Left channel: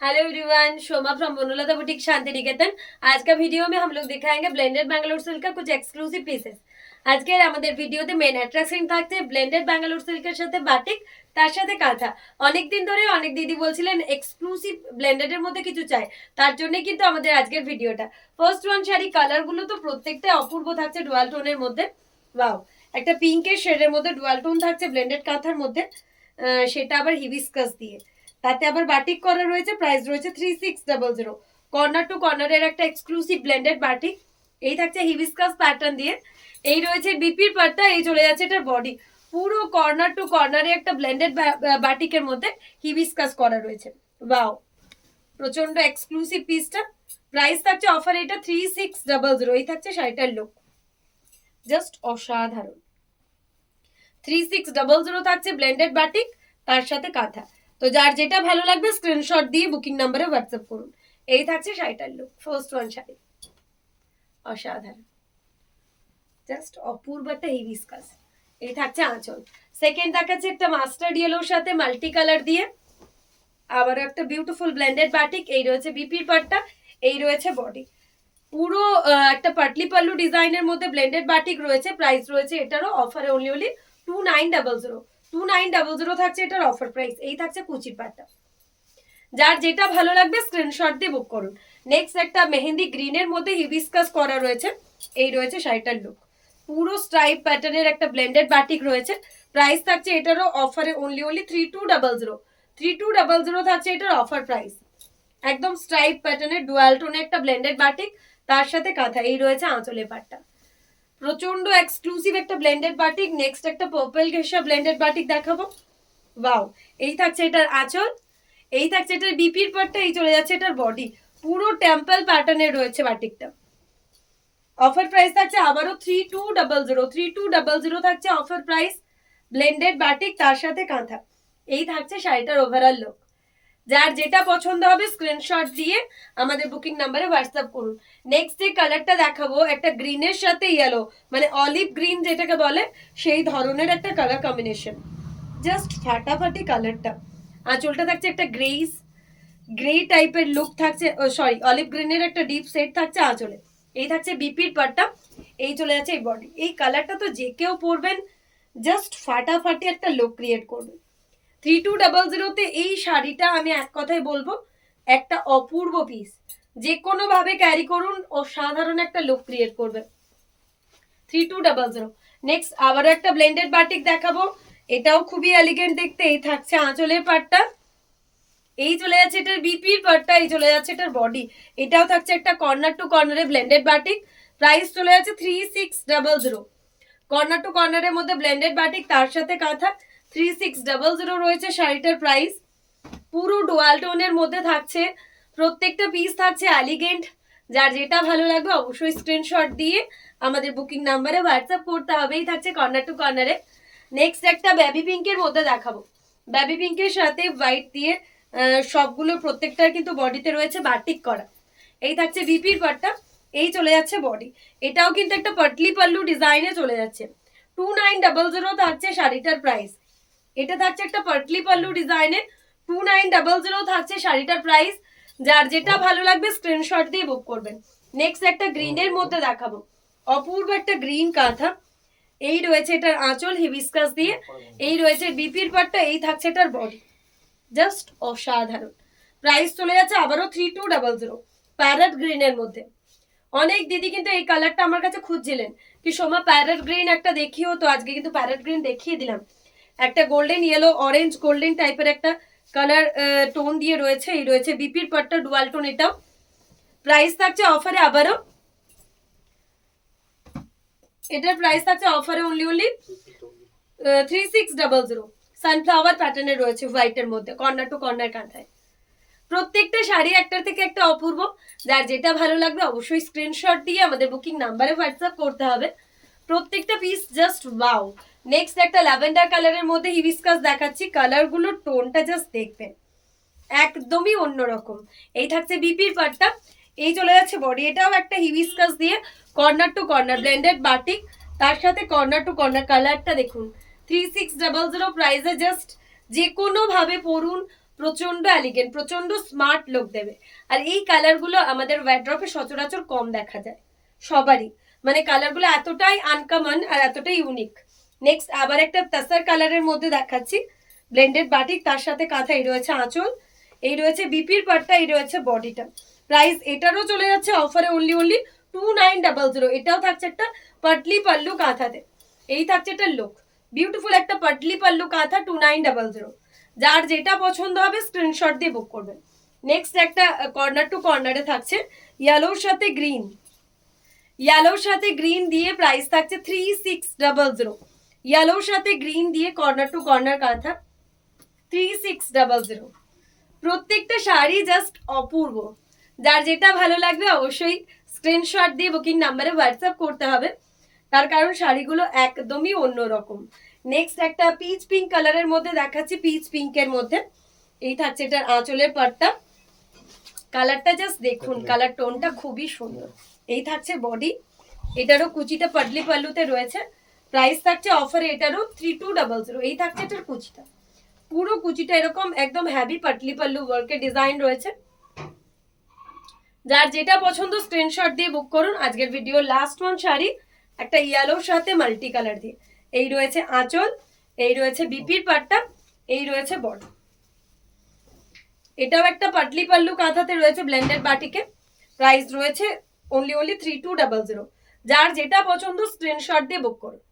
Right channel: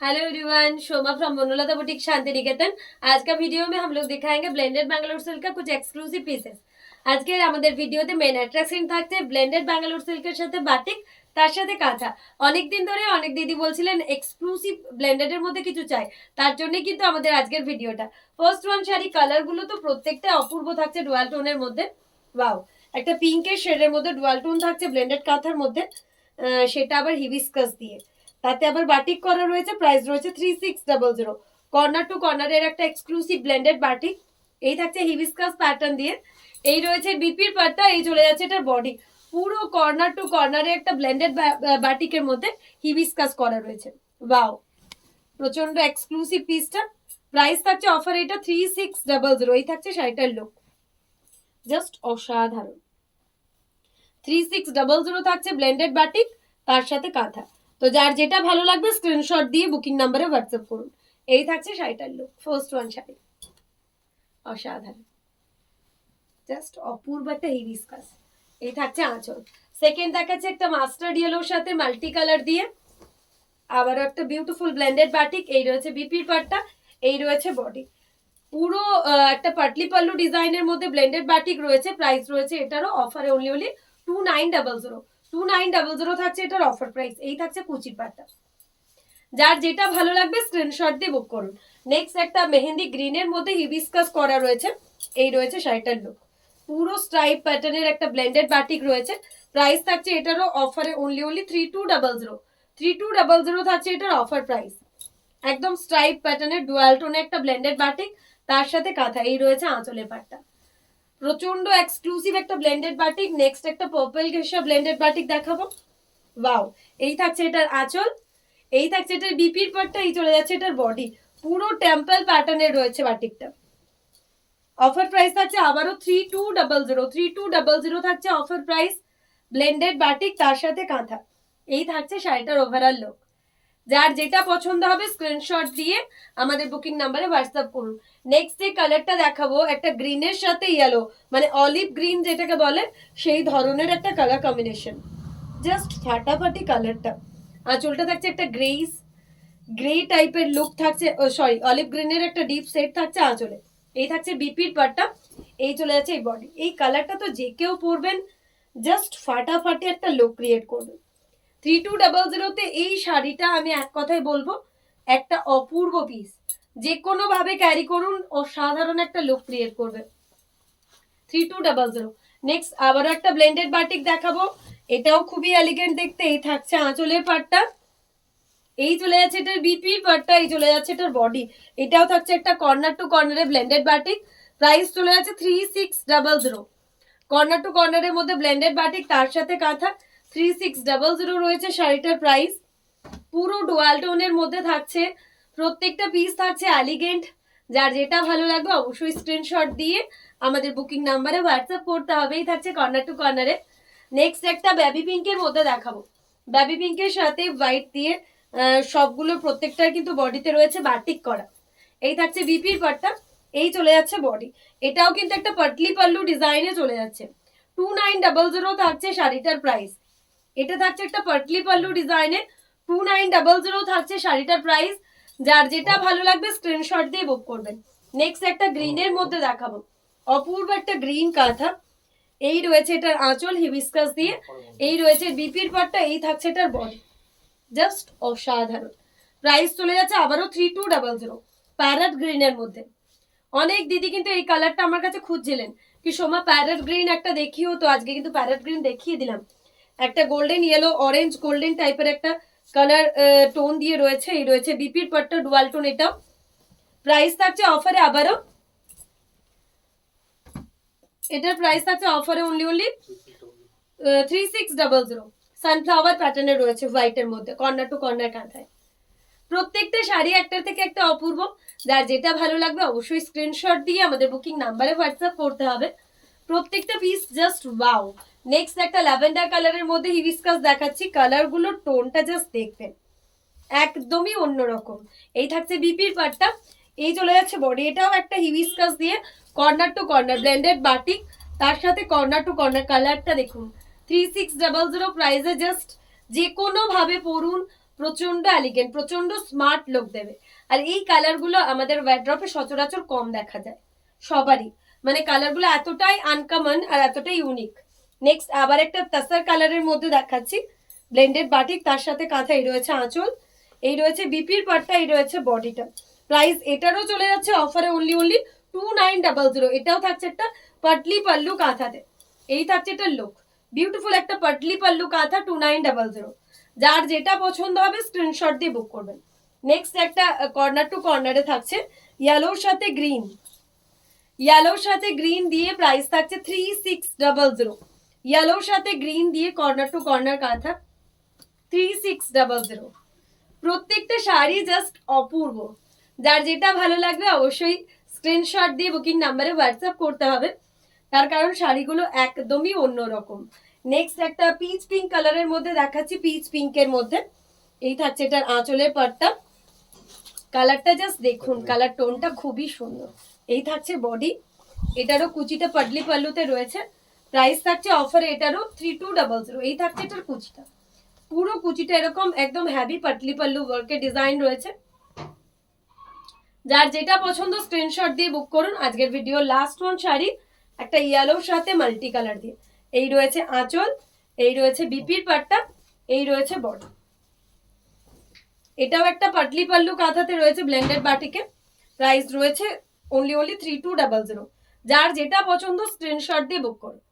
Hello everyone, Shoma from Banalata boutique Shanti Niketan. आज का video में हम लोग दिखाएंगे ब्लेंडेड बैंगलोर सिल्क का कुछ एक्सक्लूसिव पीसेस। আজকের আমাদের ভিডিওতে মেন অ্যাট্রাকশন থাকছে ব্লেন্ডেড ব্যাঙ্গালোর সিল্কের সাথে বাটিক, তার সাথে কাঁথা। অনেকদিন ধরে অনেক দিদি বলছিলেন এক্সক্লুসিভ ব্লেন্ডেডের মধ্যে কিছু চাই, তার জন্যই কিন্তু আমাদের আজকের ভিডিওটা। ফার্স্ট ওয়ান শাড়ি, কালারগুলো তো প্রত্যেকটা অপূর্ব থাকছে ডুয়াল টোনের মধ্যে। ওয়াও, একটা পিঙ্কের শেডের মধ্যে ডুয়াল টোন থাকছে ব্লেন্ডেড কাঁথার মধ্যে, সেটা আবার হিবিস্কাস দিয়ে, তাতে আবার বাটিক করা রয়েছে। প্রাইস রয়েছে 3600। কর্নার টু কর্নারের একটা এক্সক্লুসিভ ব্লেন্ডেড বাটিক। এই থাকছে হিবিস্কাস প্যাটার্ন দিয়ে। এই রয়েছে বিপির পাটটা, এই চলে যাচ্ছে এটার বডি। পুরো কর্নার টু কর্নারে একটা ব্লেন্ডেড বাটিকের মধ্যে হিবিস্কাস করা রয়েছে। ওয়াও, প্রচন্ড এক্সক্লুসিভ পিসটা। প্রাইস থাকছে অফার এটা 3600। এই থাকছে শাড়িটার লুক, জাস্ট অসাধারণ। 3600 থাকছে ব্লেন্ডেড বাটিক, তার সাথে কাঁথা। তো যার যেটা ভালো লাগবে স্ক্রিনশট দিয়ে বুকিং নাম্বারে হোয়াটসঅ্যাপ করুন। এই থাকছে শাড়িটার লুক, ফার্স্ট ওয়ান শাড়ি, অসাধারণ, জাস্ট অপূর্ব একটা হিবিস্কাস। এই থাকছে আঁচল। সেকেন্ড দেখাচ্ছে একটা মাস্টার্ড ইয়েলোর সাথে মাল্টি কালার দিয়ে, আবার একটা বিউটিফুল ব্লেন্ডেড বাটিক। এই রয়েছে বিপির পাটটা, এই রয়েছে বডি। পুরো একটা পাটলি পাল্লু ডিজাইনের মধ্যে ব্লেন্ডেড বাটিক রয়েছে। প্রাইস রয়েছে এটারও অফারে অনলি 2900। 2900 থাকছে এটার অফার প্রাইস। এই থাকছে কুচির পাটটা। যার যেটা ভালো লাগবে স্ক্রিনশট দিয়ে বুক করুন। নেক্সট একটা মেহেন্দি গ্রিনের মধ্যে হিবিস্কাস করা রয়েছে। এই রয়েছে শাড়িটার লুক, পুরো স্ট্রাইপ প্যাটার্নের একটা ব্লেন্ডেড বাটিক রয়েছে। প্রাইস থাকছে এটারও অফারে অনলি 3200। 3200 থাকছে এটার অফার প্রাইস। একদম স্ট্রাইপ প্যাটার্নের ডুয়াল টোনে একটা ব্লেন্ডেড বাটিক, তার সাথে কাঁথা। এই রয়েছে আঁচলের পাটটা, প্রচন্ড এক্সক্লুসিভ একটা ব্লেন্ডেড বাটিক। নেক্সট একটা পার্পল ঘেঁষা ব্লেন্ডেড বাটিক দেখাবো। ওয়াও, এই থাকছে এটার আঁচল, এই থাকছে এটার বিপির পাটটা, এই চলে যাচ্ছে এটার বডি। পুরো টেম্পল প্যাটার্নের রয়েছে বাটিকটা। অফার প্রাইস থাকছে আবারও 3200। 3200 থাকছে অফার প্রাইস, ব্লেন্ডেড বাটিক, তার সাথে কাঁথা। এই থাকছে শাড়িটার ওভারঅল লুক। যার যেটা পছন্দ হবে স্ক্রিনশট দিয়ে আমাদের বুকিং নাম্বারে হোয়াটসঅ্যাপ করুন। নেক্সট যে কালারটা দেখাবো, একটা গ্রিনের সাথে ইয়েলো, মানে অলিভ গ্রিন যেটাকে বলে, সেই ধরনের একটা কালার কম্বিনেশন, জাস্ট ফাটাফাটি কালারটা। আঁচলটা থাকছে একটা গ্রে টাইপের লুক থাকছে, সরি অলিভ গ্রিনের একটা ডিপ সেট থাকছে আঁচলে। এই থাকছে বিপির পাটটা, এই চলে যাচ্ছে এই বডি। এই কালারটা তো যে কেউ পরবেন, জাস্ট ফাটাফাটি একটা লুক ক্রিয়েট করবে। 3200 এই শাড়িটা আমি এক কথায় বলবো একটা অপূর্ব পিস। যে কোনো ভাবে ক্যারি করুন, অসাধারণ একটা লুক ক্রিয়েট করবে। 3200। নেক্সট আবার একটা ব্লেন্ডেড বাটিক দেখাবো, এটাও খুবই এলিগেন্ট দেখতে। এই থাকছে আঁচলের পাটটা, এই চলে যাচ্ছে এটার বিপির পাটটা, এই চলে যাচ্ছে এটার বডি। এটাও থাকছে একটা কর্নার টু কর্নারে ব্লেন্ডেড বাটিক। প্রাইস চলে যাচ্ছে 3600। কর্নার টু কর্নারের মধ্যে ব্লেন্ডেড বাটিক, তার সাথে কাঁথা। 3600 রয়েছে শাড়িটার প্রাইস। পুরো ডুয়াল টোনের মধ্যে থাকছে, প্রত্যেকটা পিস থাকছে এলিগেন্ট। যার যেটা ভালো লাগবে অবশ্যই স্ক্রিনশট দিয়ে আমাদের বুকিং নাম্বারে হোয়াটসঅ্যাপ করতে হবেই। থাকছে কর্নার টু কর্নারে। নেক্সট একটা বেবি পিঙ্কের মধ্যে দেখাবো। বেবি পিঙ্কের সাথে হোয়াইট দিয়ে সবগুলো প্রত্যেকটার কিন্তু বডিতে রয়েছে বাটিক করা। এই থাকছে বিপির পাটটা, এই চলে যাচ্ছে বডি। এটাও কিন্তু একটা পাটলি পাল্লু ডিজাইনে চলে যাচ্ছে। 2900 থাকছে শাড়িটার প্রাইস। এটা থাকছে একটা পাটলি পাল্লু ডিজাইনে, 2900 থাকছে শাড়িটার প্রাইস। যার যেটা ভালো লাগবে স্ক্রিনশট দিয়ে বুক করবেন। নেক্সট একটা গ্রিনের মধ্যে দেখাবো, অপূর্ব একটা গ্রিন কাঁথা। এই রয়েছে এটার আঁচল হিবিস্কাস দিয়ে, এই রয়েছে বিপির পাটটা, এই থাকছে এটার বডি, জাস্ট অসাধারণ। প্রাইস চলে যাচ্ছে আবারও 3200, প্যারট গ্রিনের মধ্যে। অনেক দিদি কিন্তু এই কালারটা আমার কাছে খুঁজছিলেন কি সোমা প্যারট গ্রিন একটা দেখিও, তো আজকে কিন্তু প্যারট গ্রিন দেখিয়ে দিলাম। একটা গোল্ডেন ইয়েলো অরেঞ্জ গোল্ডেন টাইপের একটা কালার টোন দিয়ে রয়েছে। এই রয়েছে বিপির পাটটা ডুয়াল টোন। এটাও প্রাইস থাকছে অফারে আবারও, এটার প্রাইস থাকছে অফারে অনলি 3600। সানফ্লাওয়ার প্যাটার্নে রয়েছে হোয়াইটের মধ্যে, কর্নার টু কর্নার কাঁথায়। প্রত্যেকটা শাড়ি একটার থেকে একটা অপূর্ব। যার যেটা ভালো লাগবে অবশ্যই স্ক্রিনশট দিয়ে আমাদের বুকিং নাম্বারে হোয়াটসঅ্যাপ করতে হবে। প্রত্যেকটা পিস জাস্ট ওয়াও। নেক্সট একটা ল্যাভেন্ডার কালারের মধ্যে হিবিস্কাস দেখাচ্ছি। কালারগুলোর টোনটা জাস্ট দেখবেন, একদমই অন্যরকম। এই থাকছে বিপির পাটটা, এই চলে যাচ্ছে বডি। এটাও একটা হিবিস্কাস দিয়ে corner to corner blended batik, তার সাথে কর্নার টু কর্নার। কালারটা দেখুন, 3600 প্রাইসে জাস্ট যে কোনো ভাবে পরুন, প্রচন্ড এলিগেন্ট, প্রচন্ড স্মার্ট লুক দেবে। আর এই কালারগুলো আমাদের ওয়ার্ড্রপে সচরাচর কম দেখা যায় সবারই, মানে কালারগুলো এতটাই আনকমন আর এতটাই ইউনিক। নেক্সট আবার একটা তাসার কালারের মধ্যে দেখাচ্ছি, ব্লেন্ডেড বাটিক, তার সাথে কাঁথা, এই রয়েছে আঁচল, এই রয়েছে বিপির পাটটা, এই রয়েছে বডিটা। প্রাইস এটারও চলে যাচ্ছে অফারে অনলি 2900। এটাও থাকছে একটা পাটলি পাল্লু কাঁথাতে, এই থাকছে একটা লুক, বিউটিফুল একটা পাটলি পাল্লু কাঁথা 2900। যার যেটা পছন্দ হবে স্ক্রিনশট দিয়ে বুক করবেন। নেক্সট একটা কর্নার টু কর্নারে থাকছে ইয়েলোর সাথে গ্রিন, ইয়েলোর সাথে গ্রিন দিয়ে প্রাইস থাকছে 3600। ইয়েলোর সাথে গ্রিন দিয়ে কর্নার টু কর্নার কাঁথা 3600। প্রত্যেকটা শাড়ি জাস্ট অপূর্ব। যার যেটা ভালো লাগবে অবশ্যই স্ক্রিনশট দিয়ে বুকিং নাম্বারে হোয়াটসঅ্যাপ করতে হবে, তার কারণ শাড়িগুলো একদমই অন্যরকম। নেক্সট একটা পিচ পিঙ্ক কালারের মধ্যে দেখাচ্ছি, পিচ পিঙ্কের মধ্যে এই থাকছে এটার আঁচলের পাটটা, কালারটা জাস্ট দেখুন, কালার টোনটা খুবই সুন্দর। এই থাকছে বডি, এটারও কুচিটা পাডলি পাল্লুতে রয়েছে, প্রাইস থাকছে অফারে এটারও 3200। এই থাকছে এটার কুচিটা, পুরো কুচিটা এরকম একদম হ্যাভি পাটলি পাল্লু ওয়ার্কের ডিজাইন রয়েছে। যার যেটা পছন্দ স্ক্রিনশট দিয়ে বুক করুন। আজকের ভিডিও লাস্ট ওয়ান শাড়ি, একটা ইয়েলোর সাথে মাল্টি কালার দিয়ে, এই রয়েছে আঁচল, এই রয়েছে বিপির পাটটা, এই রয়েছে বডি। এটাও একটা পাটলি পাল্লু কাঁথাতে রয়েছে ব্লেন্ডেড বাটিকে, প্রাইস রয়েছে অনলি 3200। যার যেটা পছন্দ স্ক্রিনশট দিয়ে বুক করুন।